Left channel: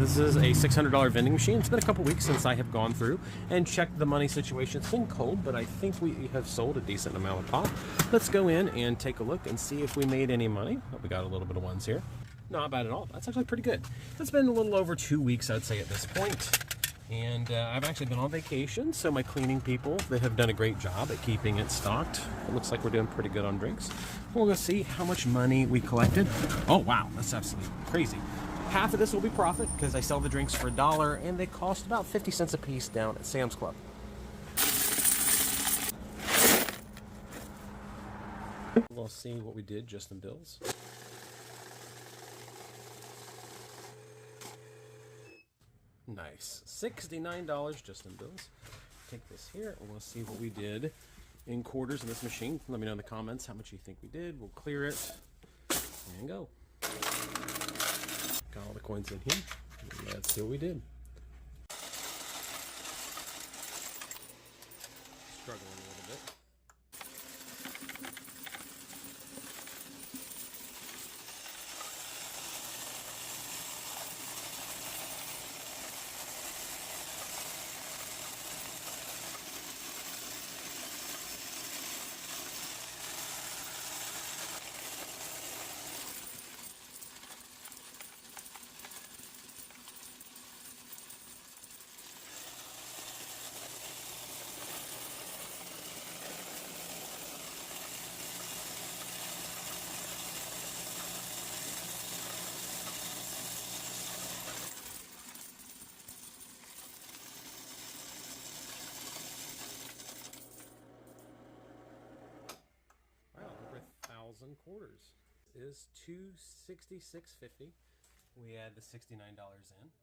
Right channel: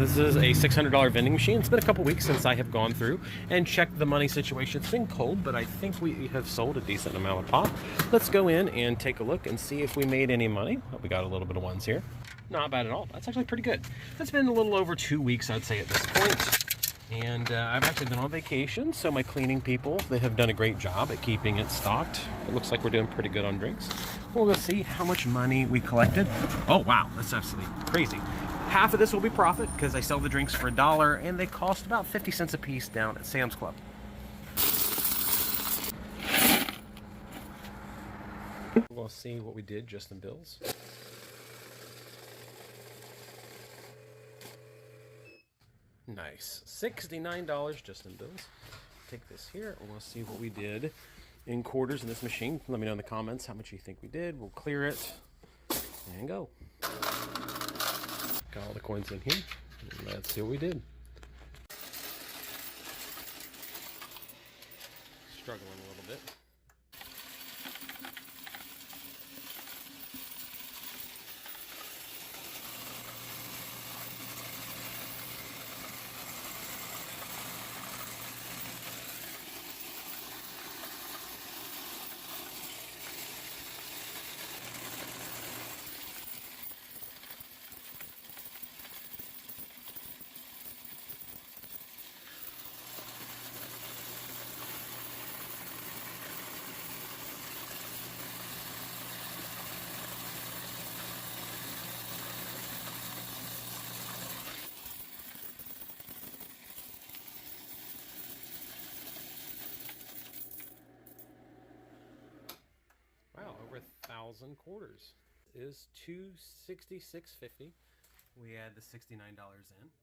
This is a $600 vending machine. It's been a couple weeks since I have gone through and checked the money situation. It's been cold, but I think we have sold a decent amount of pop. Let's go in and take a look and see if we made any money. Oh, we got a little bit of ones here. Not bad at all. That's actually pretty good. It's been a little over 2 weeks, I'd say, at this point. And I've actually been on vacation, so my cleaning people, they have done a great job at keeping it stocked. It looks like we're doing pretty good on drinks. We'll go see how much money we collected. Oh, wow, that's absolutely crazy. Half of this will be profit because I sell the drinks for $1 and they cost about 50 cents a piece down at Sam's Club. We'll see what we did just in bills. Nice. $69 just in bills. Take this here and we'll see what we did in quarters in this machine. Let me know in the comments how much you think we did. We'll clear it and go. Got all the coins in here. Let's see what we did. Struggling a little bit. Wow, over 1,000 quarters. Is $266.50. We add the $69 in.